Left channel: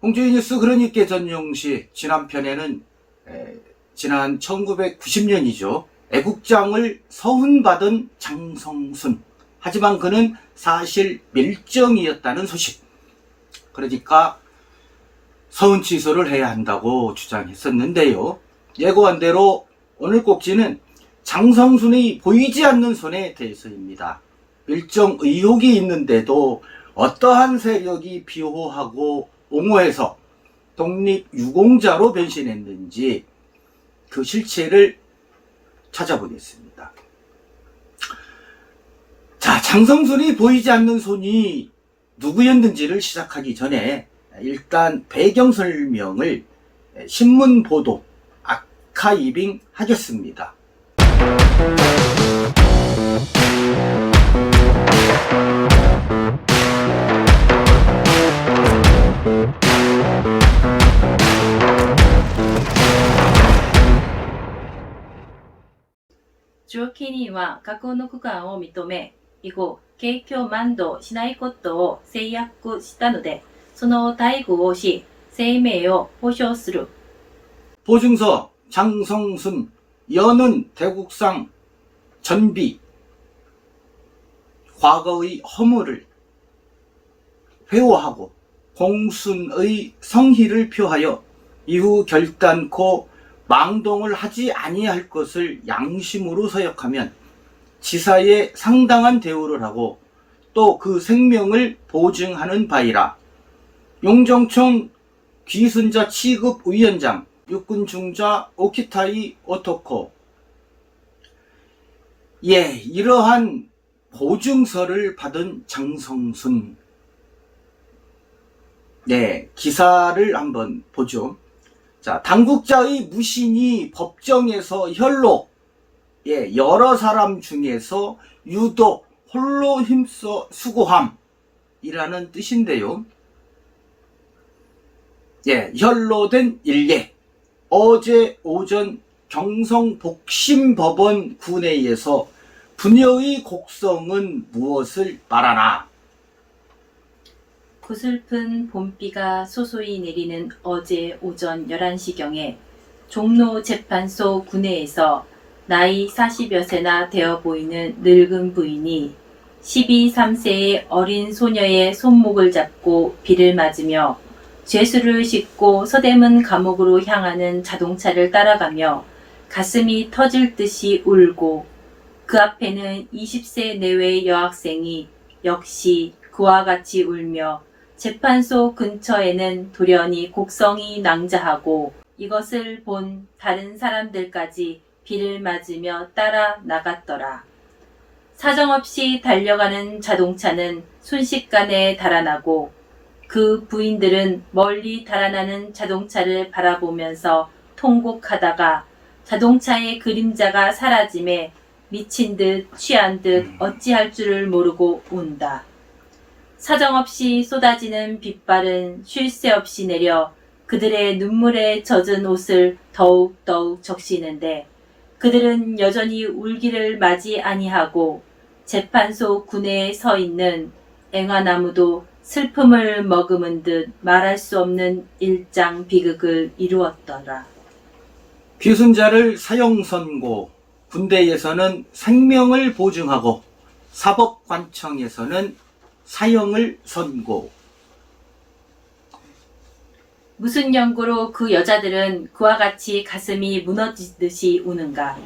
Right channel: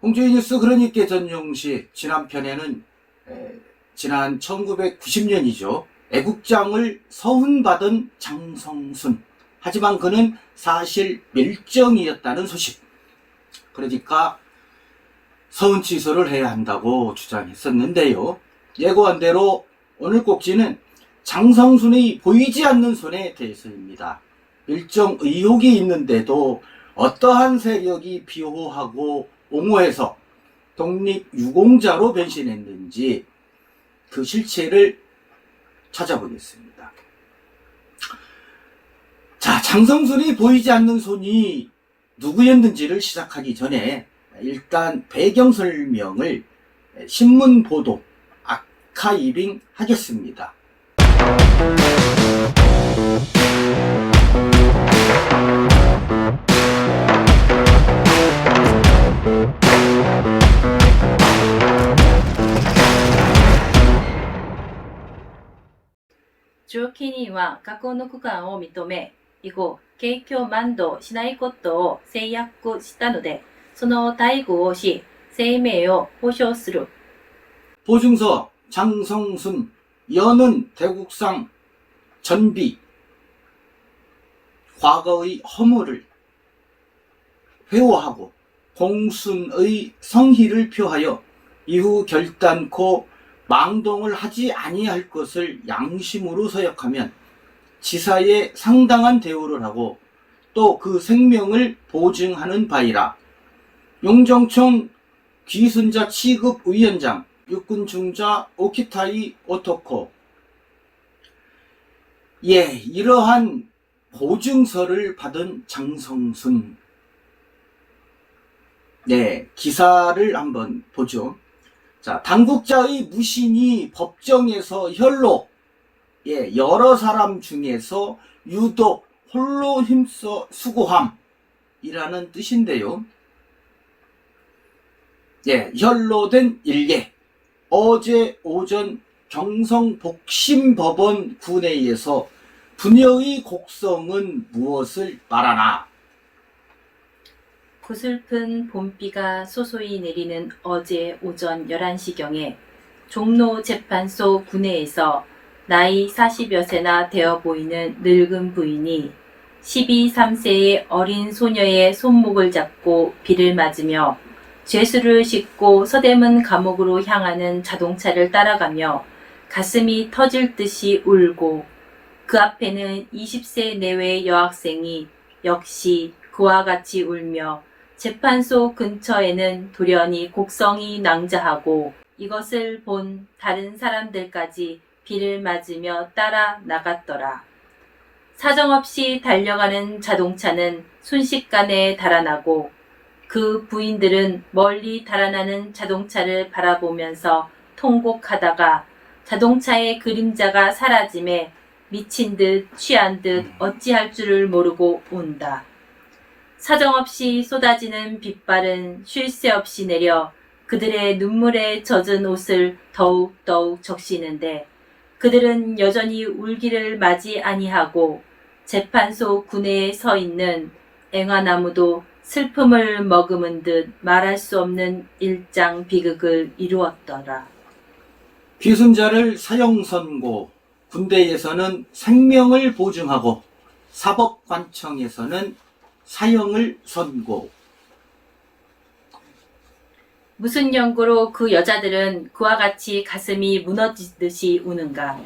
홍주희 뉴스 그러니께 전용시 지난편에는 지난 1990년이죠. 애국장을 서훈받은 장성순. 하지만 그는 사실 밀정이었다는 소식. 그러니까 서훈 취소를 해야 한다고 주장했었는데요. 예고한 대로 오늘 꼭지는 장성순의 보이지 않는 손에 대해서입니다. 밀정 의혹이 있는데도 어떠한 세력이 비호하고 옹호해서 독립유공자로 변신했는지 그 실체를 찾아보겠습니다. 자, 장성순이 보이지 않는 손이 누구였는지를 시작하기 전에 일단 배경 설명을 신문 보도 아카이빙 하겠습니다.上記人は学校の区間を認め、以後、景況満動しないことを誓約したので、その待遇をし、生命を保障する。 보증서 장성순 여는 대국상 전비 과거의 허물을 회호하고 공순의 성희를 표하여 이후 결단코 망동을 하지 아니할 것을 양심으로 서약하면 지사에 상당한 대우를 하고 또 그 생명을 보증하는 바이라. 용정총 귀순자 취급위원장 육군중자 오키타이 오토코. 이러한 보증서를 받은 장성순. 기사를 한번 보죠. 자, 당국자의 무신이 법정에서 혈로 여러 사람 중에서 유독 홀로 힘써 수고함이라는 뜻인데요. 혈로된 일례. 어제 오전 경성복심법원 군회에서 부녀의 곡성은 무엇을 말하나? 구슬픈 봄비가 소소히 내리는 어제 오전 11시경에 종로 재판소 군회에서 나이 40여 세나 되어 보이는 늙은 부인이 12, 3세의 어린 소녀의 손목을 잡고 비를 맞으며 죄수를 싣고 서대문 감옥으로 향하는 자동차를 따라가며 가슴이 터질 듯이 울고 그 앞에는 20세 내외의 여학생이 역시 그와 같이 울며 재판소 근처에는 돌연히 곡성이 낭자하고 이것을 본 다른 사람들까지 비를 맞으며 따라 나갔더라. 사정없이 달려가는 자동차는 순식간에 달아나고 그 부인들은 멀리 달아나는 자동차를 바라보면서 통곡하다가 자동차의 그림자가 사라짐에 미친 듯 취한 듯 어찌할 줄을 모르고 운다. 사정없이 쏟아지는 빗발은 쉴 새 없이 내려 그들의 눈물에 젖은 옷을 더욱더욱 적시는데 그들은 여전히 울기를 마지 아니하고 재판소 군회에 서 있는 앵화나무도 슬픔을 머금은 듯 말할 수 없는 일장 비극을 이루었더라. 귀순자를 사형선고, 군대에서는 생명을 보증하고 사법관청에서는 사형을 선고. 무슨 연고로 그 여자들은 그와 같이 가슴이 무너지듯이 우는가.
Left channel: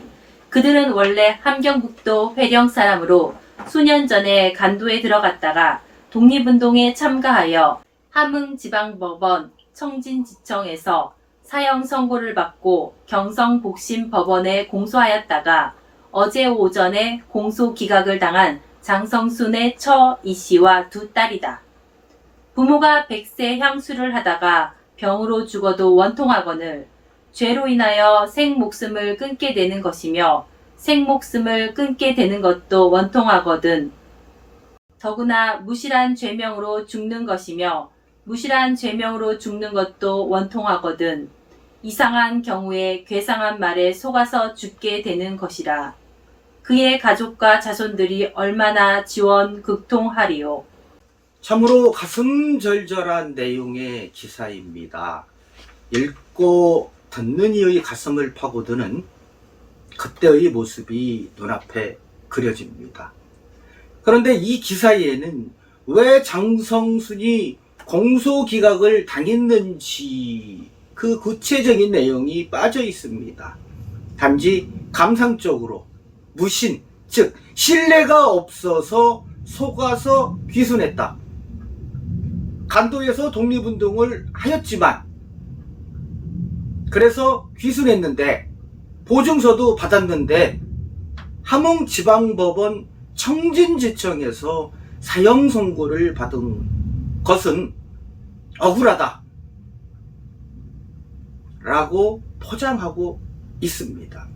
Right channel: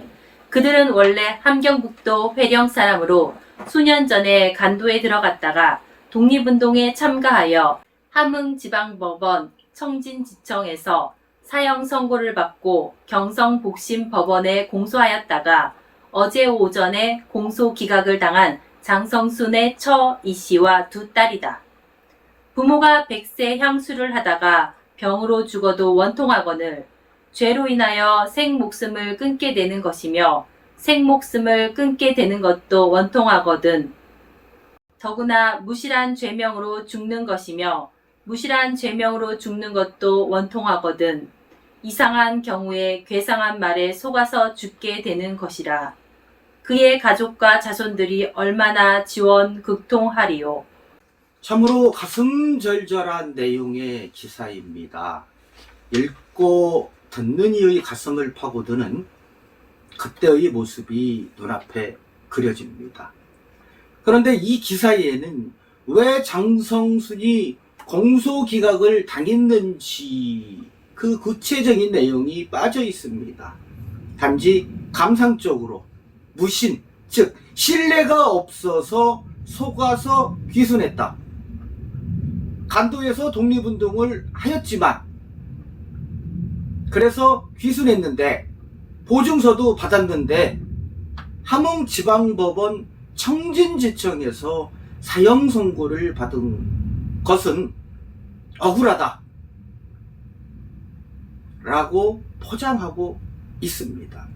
그들은 원래 함경북도 회령 사람으로 수년 전에 간도에 들어갔다가 독립운동에 참가하여 함흥지방법원 청진지청에서 사형 선고를 받고 경성복심법원에 공소하였다가 어제 오전에 공소 기각을 당한 장성순의 처 이씨와 두 딸이다. 부모가 100세 향수를 하다가 병으로 죽어도 원통하거늘 죄로 인하여 생목숨을 끊게 되는 것이며 생목숨을 끊게 되는 것도 원통하거든. 더구나 무실한 죄명으로 죽는 것이며 무실한 죄명으로 죽는 것도 원통하거든. 이상한 경우에 괴상한 말에 속아서 죽게 되는 것이라. 그의 가족과 자손들이 얼마나 지원 극통하리요. 참으로 가슴 절절한 내용의 기사입니다. 읽고 듣는 이의 가슴을 파고드는 그때의 모습이 눈앞에 그려집니다. 그런데 이 기사에는 왜 장성순이 공소기각을 당했는지 그 구체적인 내용이 빠져 있습니다. 단지 감상적으로 무신, 즉 신뢰가 없어서 속아서 귀순했다. 간도에서 독립운동을 하였지만 그래서 귀순했는데 보증서도 받았는데 함흥지방법원 청진지청에서 사형 선고를 받은 것은 억울하다 라고 포장하고 있습니다.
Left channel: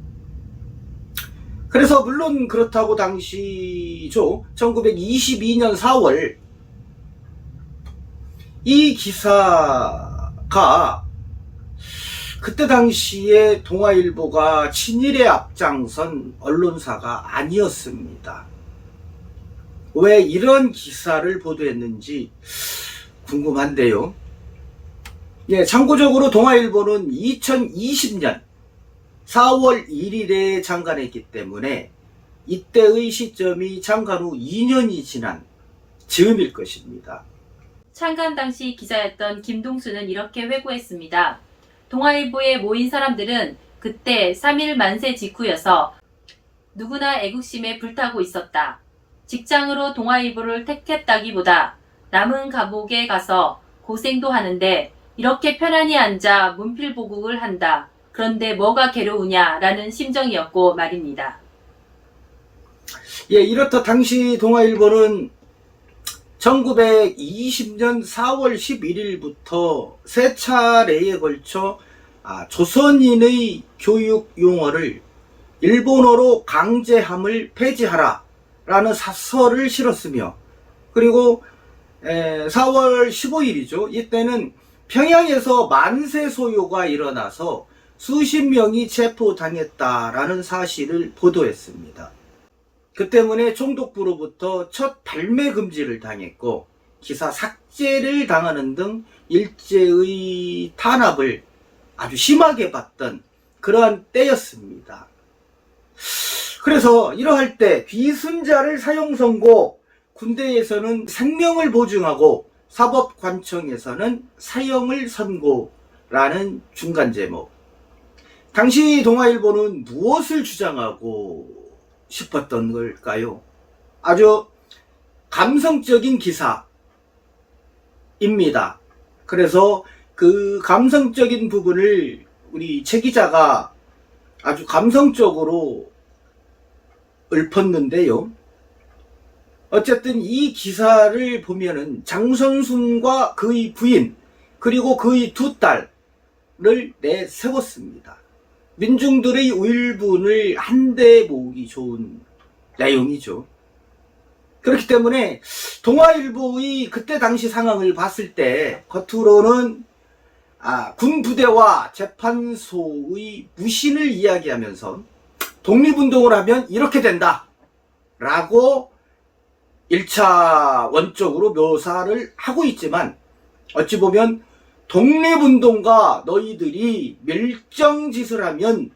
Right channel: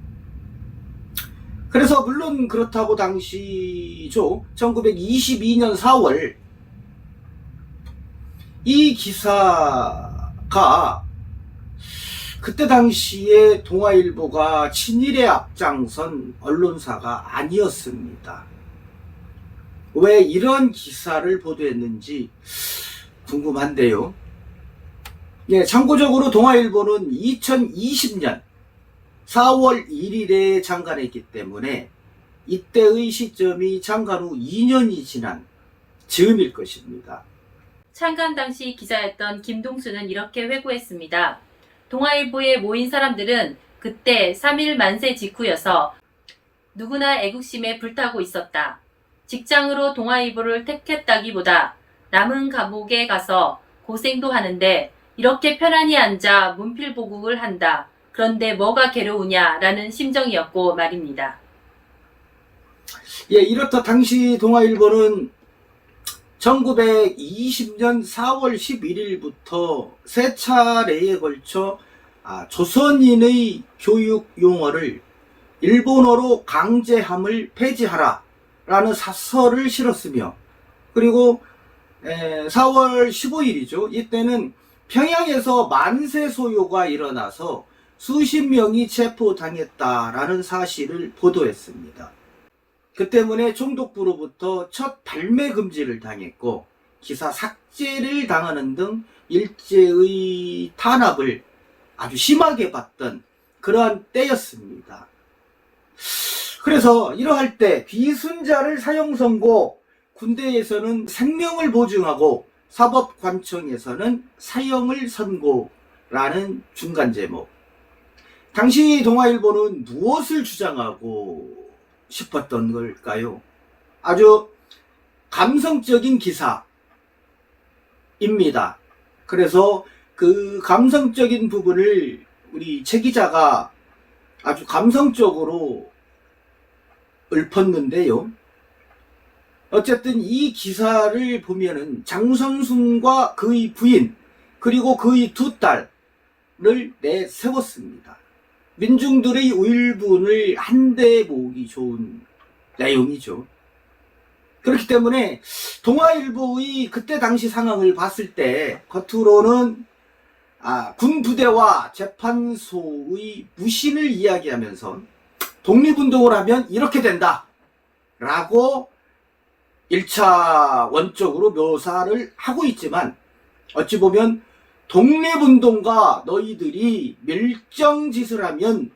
그래서 물론 그렇다고 당시죠. 1922년 4월 이 기사가 그때 당시에 동아일보가 친일에 앞장선 언론사가 아니었습니다. 왜 이런 기사를 보도했는지 궁금한데요. 예, 참고적으로 동아일보는 2020년 4월 1일에 창간했기 때문에 이때의 시점이 창간 후 2년이 지난 즈음일 것입니다. 창간 당시 기자였던 김동수는 이렇게 회고했습니다. 동아일보에 모인 사람들은 그때 3.1 만세 직후여서 누구나 애국심에 불타고 있었다. 직장으로 동아일보를 택했다기보다 남은 감옥에 가서 고생도 하는데 이렇게 편안히 앉아 문필보국을 한다. 그런데 뭐가 괴로우냐라는 심정이었고 말입니다. 예, 이렇다 당시 동아일보는 1920년 4월 11일부터 세 차례에 걸쳐 조선인의 교육 용어를 일본어로 강제함을 폐지하라 라는 사설을 실었으며, 그리고 4월 15일이죠. 이때는 평양에서 만세 소요가 일어나서 수십 명이 체포당했다라는 사실을 보도했습니다. 그 때문에 총독부로부터 첫 발매 금지를 당했고 기사 삭제를 당하는 등 일제의 탄압을 아주 심하게 받던 그러한 때였습니다. 그래서 이러할 때 귀순자를 사형 선고, 군대에서는 생명을 보증하고 사법관청에서는 사형을 선고라는 중간 제목. 당시 동아일보는 무엇을 주장하고 싶었던 걸까요? 아주 감성적인 기사입니다. 그래서 그 감성적인 부분을 우리 최 기자가 아주 감성적으로 읊었는데요. 어쨌든 이 기사를 보면은 장선순과 그의 부인 그리고 그의 두 딸을 내세웠습니다. 민중들의 울분을 한데 모으기 좋은 내용이죠. 그렇기 때문에 동아일보의 그때 당시 상황을 봤을 때 겉으로는 군 부대와 재판소의 무신을 이야기하면서 독립운동을 하면 이렇게 된다 라고 1차 원적으로 묘사를 하고 있지만, 어찌 보면 독립운동가 너희들이 밀정짓을 하면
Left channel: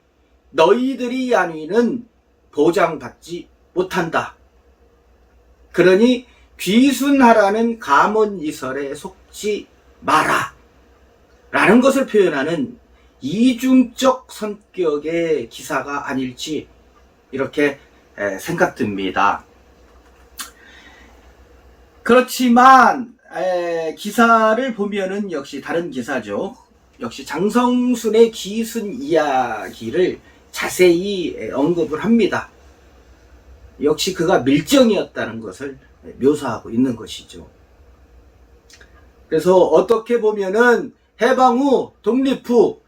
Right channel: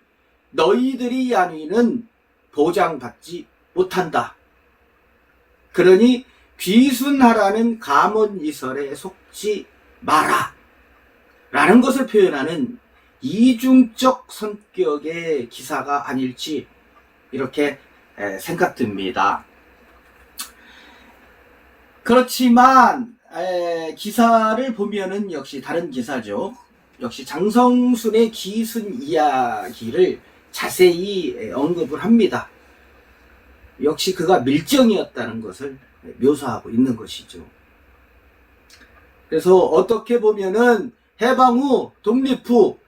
너희들이 안위는 보장받지 못한다. 그러니 귀순하라는 감언이설에 속지 마라 라는 것을 표현하는 이중적 성격의 기사가 아닐지 이렇게 생각됩니다. 그렇지만 기사를 보면은 역시 다른 기사죠. 역시 장성순의 귀순 이야기를 자세히 언급을 합니다. 역시 그가 밀정이었다는 것을 묘사하고 있는 것이죠. 그래서 어떻게 보면은 해방 후, 독립 후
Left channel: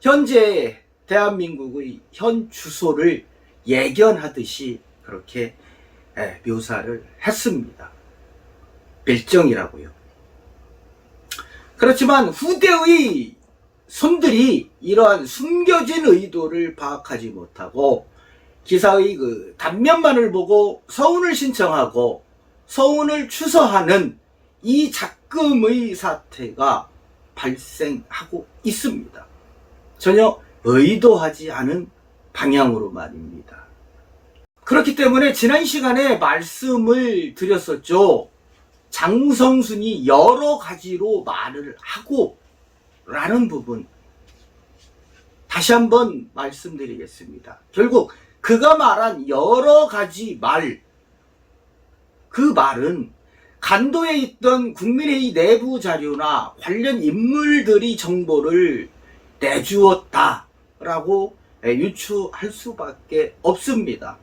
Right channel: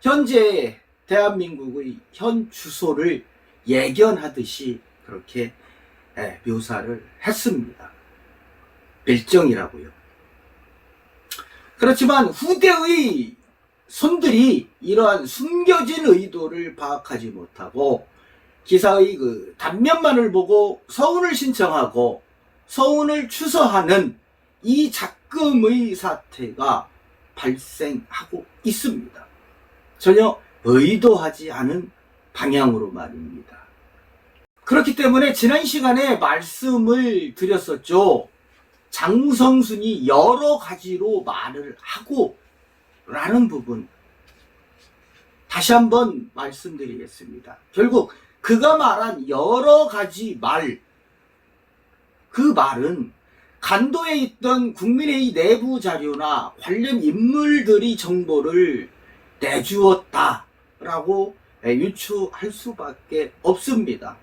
현재 대한민국의 현 주소를 예견하듯이 그렇게 묘사를 했습니다. 밀정이라고요. 그렇지만 후대의 손들이 이러한 숨겨진 의도를 파악하지 못하고 기사의 그 단면만을 보고 서운을 신청하고 서운을 추서하는 이 작금의 사태가 발생하고 있습니다. 전혀 의도하지 않은 방향으로 말입니다. 그렇기 때문에 지난 시간에 말씀을 드렸었죠. 장성순이 여러 가지로 말을 하고 라는 부분 다시 한번 말씀드리겠습니다. 결국 그가 말한 여러 가지 말, 그 말은 간도에 있던 국민회의 내부 자료나 관련 인물들이 정보를 내주었다라고 유추할 수밖에 없습니다.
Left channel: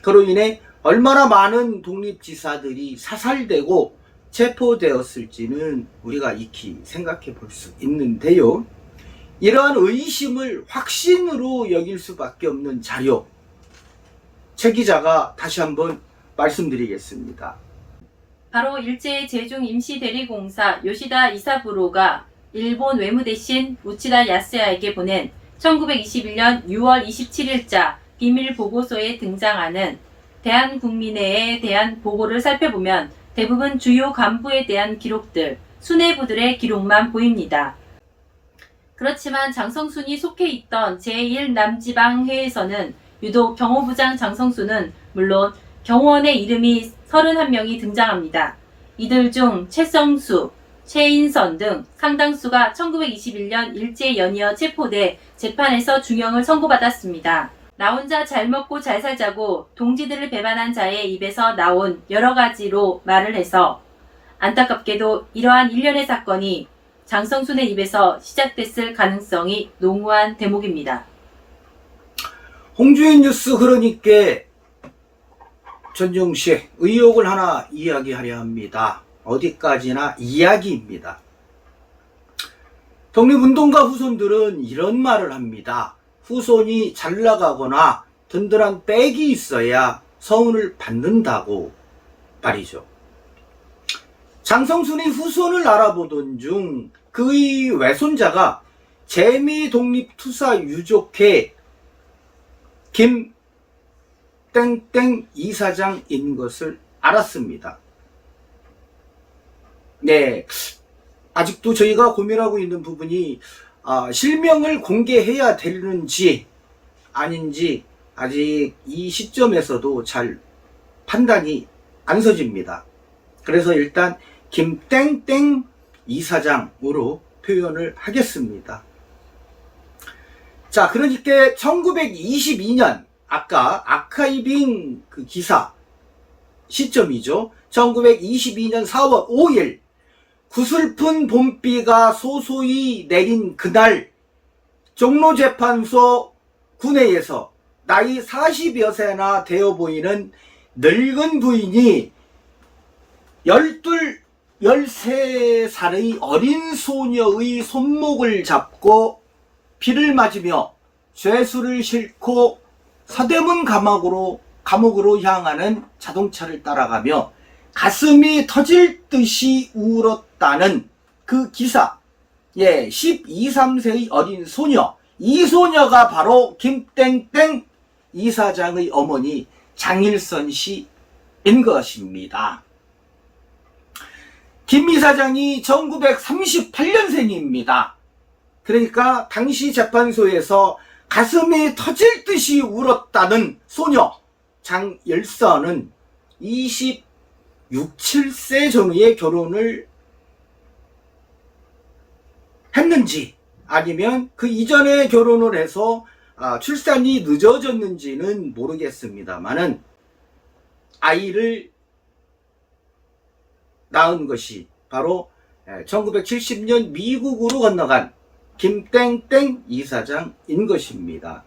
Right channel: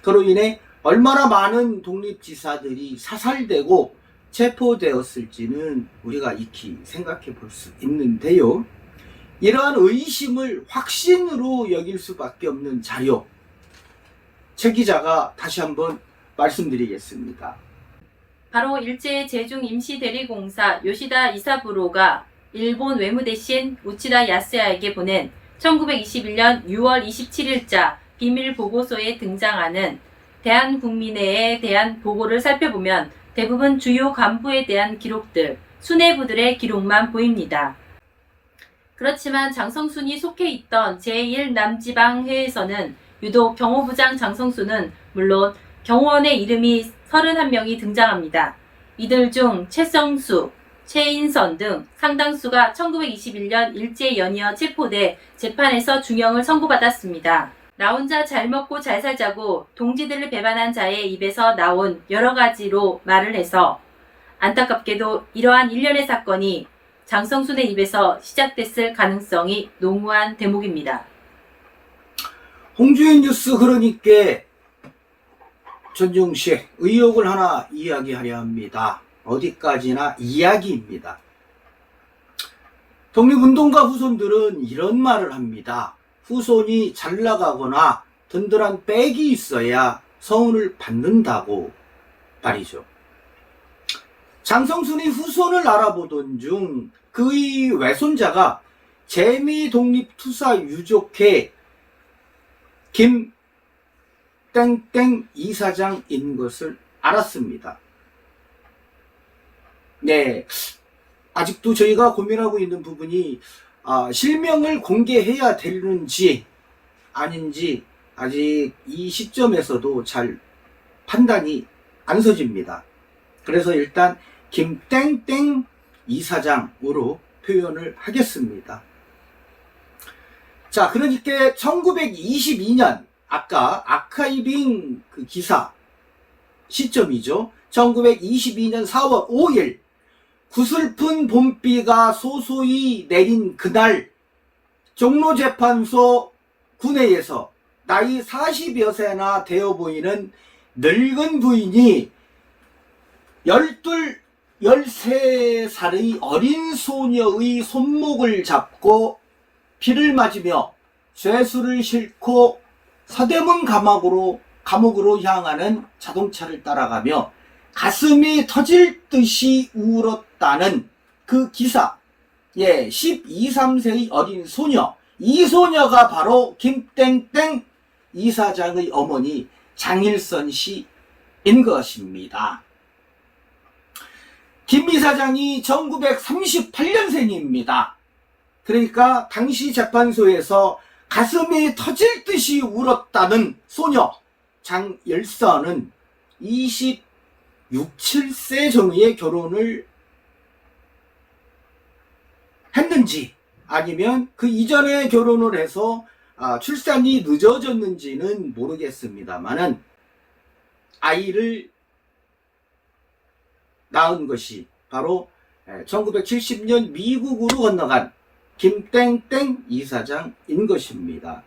그로 인해 얼마나 많은 독립지사들이 사살되고 체포되었을지는 우리가 익히 생각해 볼 수 있는데요. 이러한 의심을 확신으로 여길 수밖에 없는 자료, 최 기자가 다시 한번 말씀드리겠습니다. 바로 일제 제중 임시대리공사 요시다 이사부로가 일본 외무대신 우치다 야스야에게 보낸 1921년 6월 27일자 비밀 보고서에 등장하는 대한국민회에 대한 보고를 살펴보면 대부분 주요 간부에 대한 기록들, 수뇌부들의 기록만 보입니다. 그렇지만 장성순이 속해 있던 제1남지방회에서는 유독 경호부장 장성순은 물론 경호원의 이름이 31명이 등장합니다. 이들 중 최성수, 최인선 등 상당수가 1921년 일제 연이어 체포돼 재판에서 중형을 선고받았습니다. 나 혼자 잘 먹고 잘 살자고 동지들을 배반한 자의 입에서 나온 여러 가지로 말을 해서 안타깝게도 이러한 일련의 사건이 장성순의 입에서 시작됐을 가능성이 농후한 대목입니다. 홍주인 뉴스 그러니까 전종씨 의혹을 하나 이야기하려 합니다. 어디까지나 이야기입니다. 독립운동가 후손들은 이런 말을 합니다. 후손이 잘 나가거나 든든한 백이 있어야 서운을 받는다고 말이죠. 장성순이 후손을 알아보던 중 그의 외손자가 재미독립투사 유족회 김 땡땡 이사장인 것을 알았습니다. 네, 아직도 저희가 고민하고 있는 부분이 실명을 공개해야 되는지 아닌지 아직 이 시점에서도 잘 판단이 안 서집니다. 그래서 일단 김땡땡 이사장으로 표현을 하겠습니다. 자, 그러니까 1922년 아까 아카이빙 그 기사 시점이죠. 1922년 4월 5일 구슬픈 봄비가 소소히 내린 그날 종로재판소 군회에서 나이 40여 세나 되어 보이는 늙은 부인이 12, 13살의 어린 소녀의 손목을 잡고 피를 맞으며 죄수를 싣고 서대문 감옥으로 향하는 자동차를 따라가며 가슴이 터질 듯이 울었다는 그 기사. 예, 12, 13세의 어린 소녀. 이 소녀가 바로 김땡땡 이사장의 어머니 장일선 씨인 것입니다. 김 이사장이 1938년생입니다. 그러니까 당시 재판소에서 가슴이 터질 듯이 울었다는 소녀 장일선은 26, 7세 전후에 결혼을 했는지 아니면 그 이전에 결혼을 해서 출산이 늦어졌는지는 모르겠습니다만은 아이를 낳은 것이 바로 1970년 미국으로 건너간 김땡땡 이사장인 것입니다.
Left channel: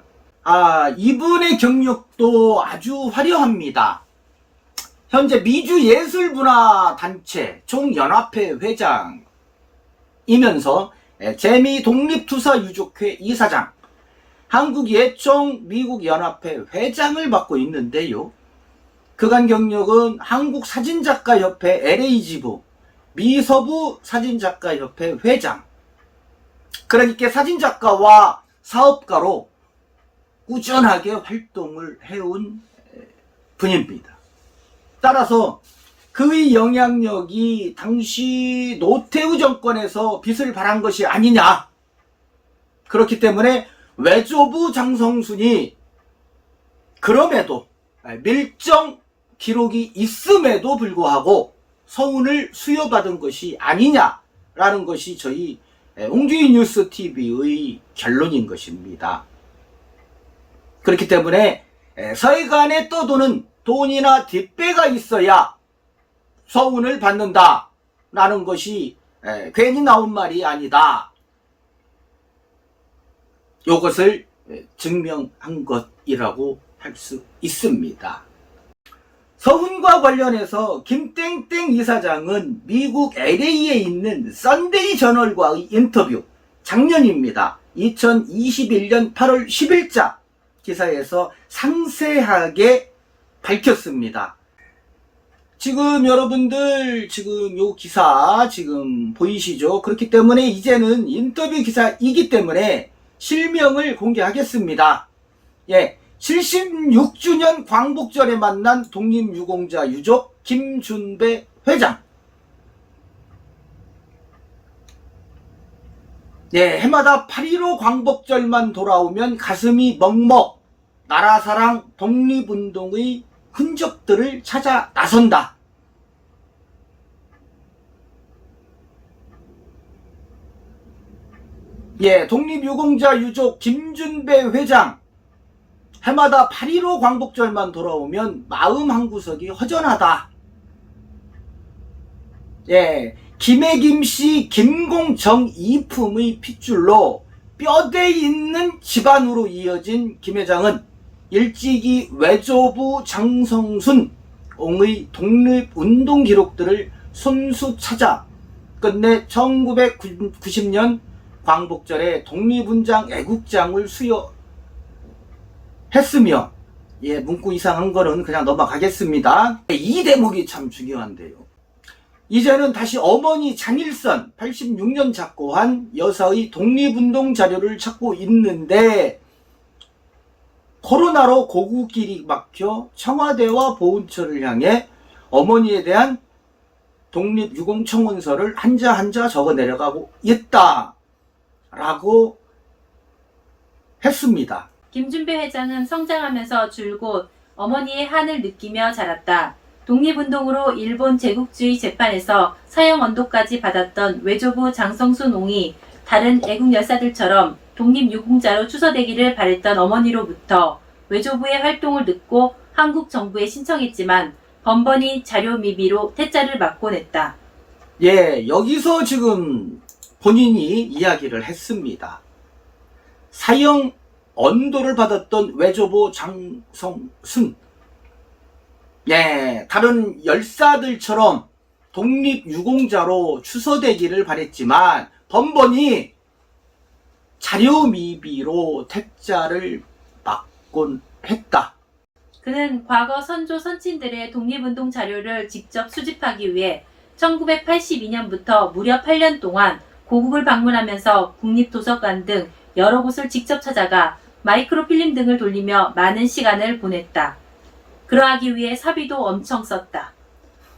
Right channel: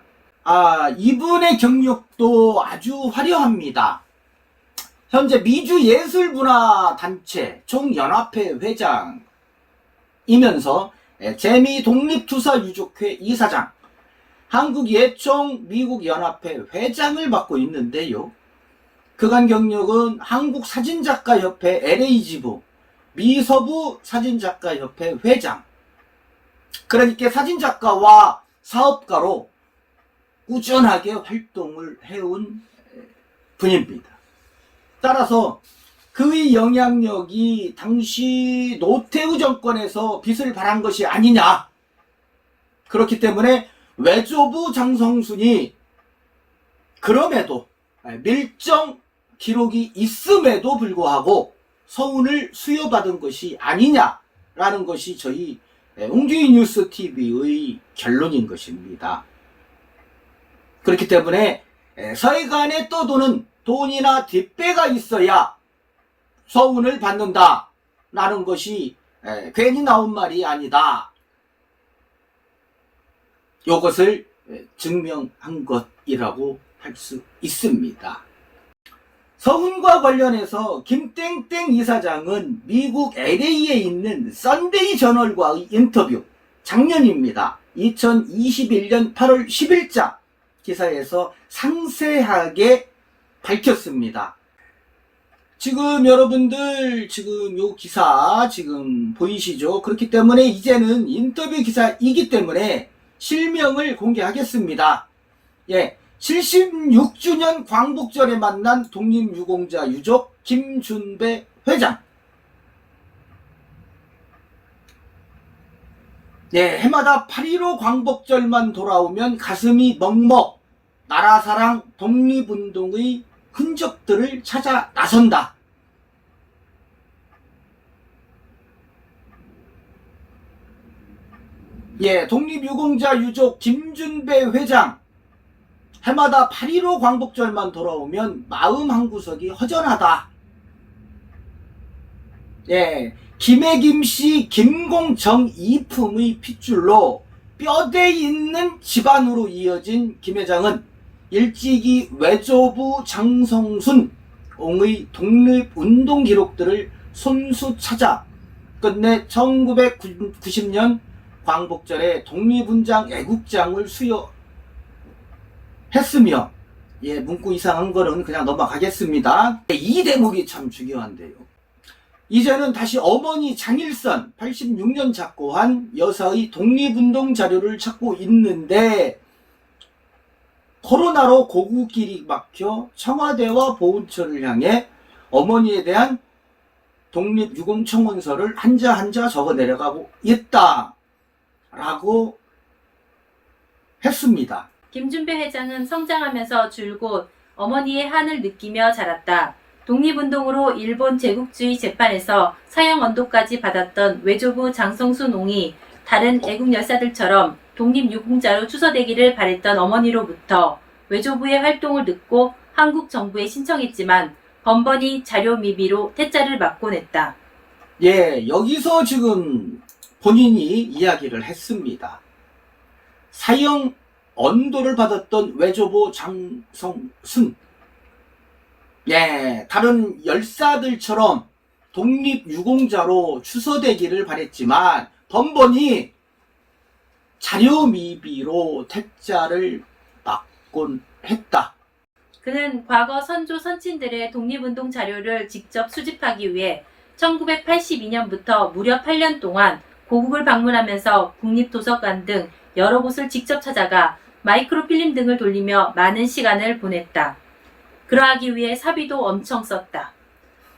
이분의 경력도 아주 화려합니다. 현재 미주예술문화단체 총연합회 회장이면서 재미독립투사유족회 이사장, 한국예총 미국연합회 회장을 맡고 있는데요. 그간 경력은 한국사진작가협회 LA지부, 미서부 사진작가협회 회장, 그러니까 사진작가와 사업가로 꾸준하게 활동을 해온 분입니다. 따라서 그 그의 영향력이 당시 노태우 정권에서 빚을 발한 것이 아니냐. 그렇기 때문에 외조부 장성순이 그럼에도 밀정 기록이 있음에도 불구하고 서운을 수여받은 것이 아니냐라는 것이 저희 웅주이 뉴스 TV의 결론인 것입니다. 그렇기 때문에 서해간에 떠도는 돈이나 뒷배가 있어야 서운을 받는다라는 것이 괜히 나온 말이 아니다. 이것을 증명한 것이라고 할 수 있습니다. 서훈과 관련해서 김땡땡 이사장은 미국 LA에 있는 썬데이 저널과의 인터뷰, 작년입니다. 2021년 8월 10일자 기사에서 상세하게 밝혔습니다. 지금 여러분들 지금 요 기사 지금 보이시죠? 그렇기 때문에 이제는 인터뷰 기사이기 때문에 실명을 공개하겠습니다. 예, 76주년 광복절에 만난 독립유공자 유족 김준배 회장. 네, 해마다 8.15 광복절만 돌아오면 가슴이 먹먹, 나라사랑, 독립운동의 흔적들을 찾아 나선다. 예, 독립유공자 유족 김준배 회장. 해마다 8.15 광복절만 돌아오면 마음 한구석이 허전하다. 예, 김해김씨 김공정 이품의 핏줄로 뼈대 있는 집안으로 이어진 김 회장은 일찍이 외조부 장성순 옹의 독립운동 기록들을 손수 찾아 끝내 1990년 광복절에 독립훈장 애국장을 수여했으며, 예, 문구 이상한 거는 그냥 넘어가겠습니다. 이 대목이 참 중요한데요. 이제는 다시 어머니 장일선 86년 작고한 여사의 독립운동 자료를 찾고 있는데 코로나로 고국길이 막혀 청와대와 보훈처를 향해 어머니에 대한 독립유공청원서를 한자 한자 적어 내려가고 있다 라고 했습니다. 김준배 회장은 성장하면서 줄곧 어머니의 한을 느끼며 자랐다. 독립운동으로 일본 제국주의 재판에서 사형 언도까지 받았던 외조부 장성순 옹이 다른 애국 열사들처럼 독립유공자로 추서되기를 바랬던 어머니로부터 외조부의 활동을 듣고 한국 정부에 신청했지만 번번이 자료 미비로 퇴짜를 맞곤 했다. 예, 여기서 지금 본인이 이야기를 했습니다. 사형 언도를 받았던 외조부 장성순. 예, 다른 열사들처럼 독립유공자로 추서되기를 바랬지만 번번이 자료 미비로 퇴짜를 맞곤 했다. 그는 과거 선조 선친들의 독립운동 자료를 직접 수집하기 위해 1982년부터 무려 8년 동안 고국을 방문하면서 국립도서관 등 여러 곳을 직접 찾아가 마이크로필름 등을 돌리며 많은 시간을 보냈다. 그러하기 위해 사비도 엄청 썼다.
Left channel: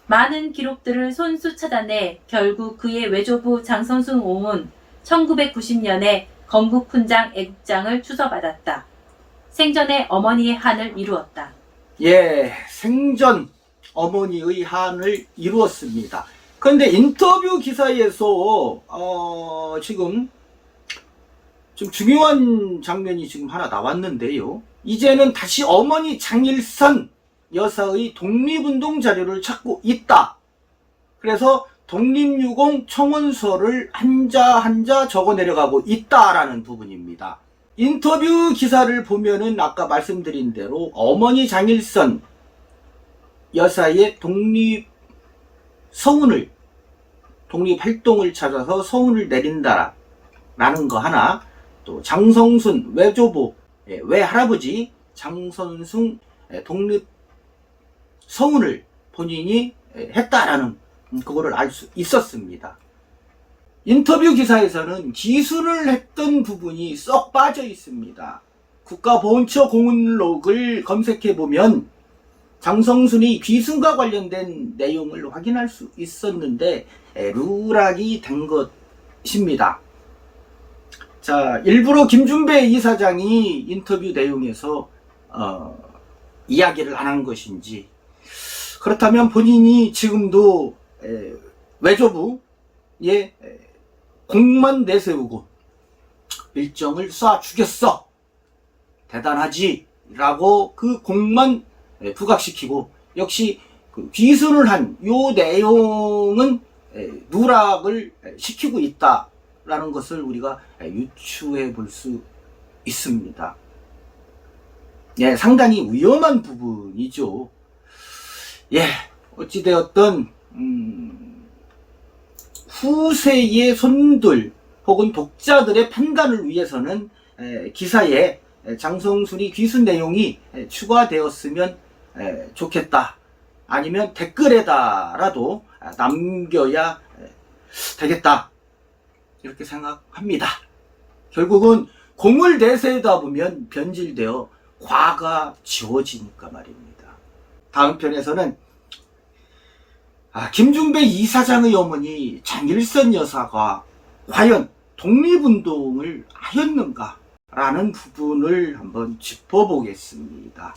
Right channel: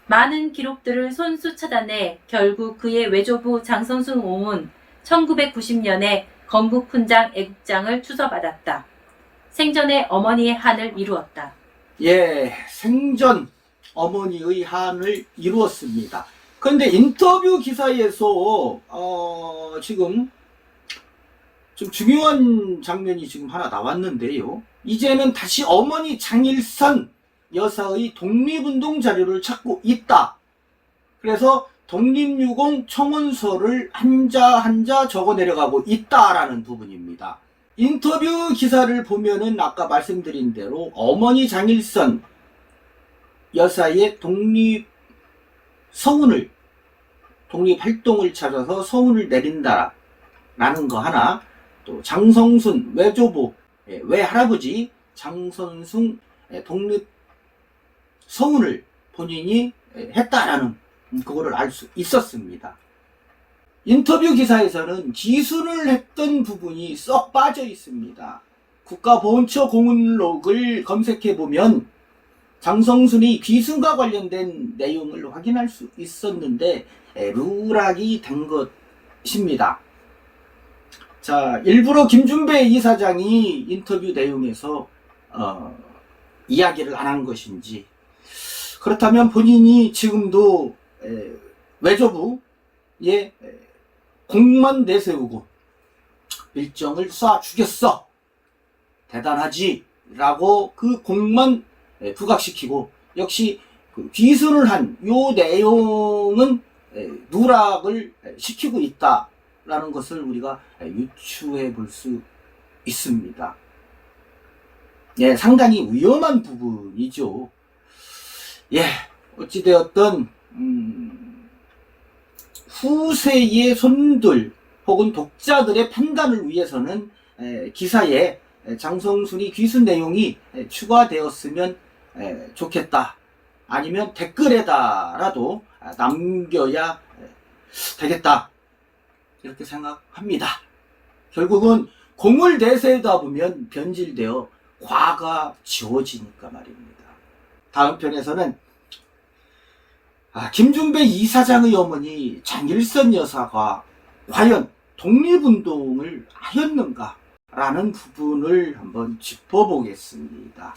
많은 기록들을 손수 찾아내 결국 그의 외조부 장성순 옹은 1990년에 건국훈장 애국장을 추서받았다. 생전에 어머니의 한을 이루었다. 예, 생전 어머니의 한을 이루었습니다. 그런데 인터뷰 기사에서 지금 좀 중요한 장면이 지금 하나 나왔는데요. 이제는 다시 어머니 장일선 여사의 독립운동 자료를 찾고 있다. 그래서 독립유공 청원서를 한자 한자 적어 내려가고 있다라는 부분입니다. 인터뷰 기사를 보면은 아까 말씀드린 대로 어머니 장일선 여사의 독립활동을 찾아서 서운을 내린다라는 거 하나, 또 장성순 외조부 외할아버지 장선순 독립 서운을 본인이 했다라는 그거를 알 수 있었습니다. 인터뷰 기사에서는 기술을 했던 부분이 썩 빠져 있습니다. 국가보훈처 공문록을 검색해 보면 장성순의 귀순과 관련된 내용을 확인할 수 있었는데 누락이 된 것입니다. 자, 일부러 김준배 이사장이 인터뷰 내용에서 이야기를 안 한 것인지, 그렇다면 본인이 지금도 외교부에 공만 내세우고 일정을 쏴 죽였어, 대단하지 라고 그 공만 부각시키고, 역시 그 귀순을 한 요 내용은 누락을 시키고 있다라는 것을 우리가 유추해 볼 수 있습니다. 예, 상당히 위험한 부분이죠. 예, 어찌되었든 후세의 손들 혹은 독자들의 판단을 위해서는 기사에 장성순이 귀순 내용이 추가되었으면 좋겠다, 아니면 댓글에다라도 남겨야 되겠다, 이렇게 생각합니다. 결국은 공을 내세우다 보면 변질되어 과가 지워지니까 말입니다. 다음 편에서는 김준배 이사장의 어머니 장일선 여사가 과연 독립운동을 하였는가 라는 부분을 한번 짚어보겠습니다.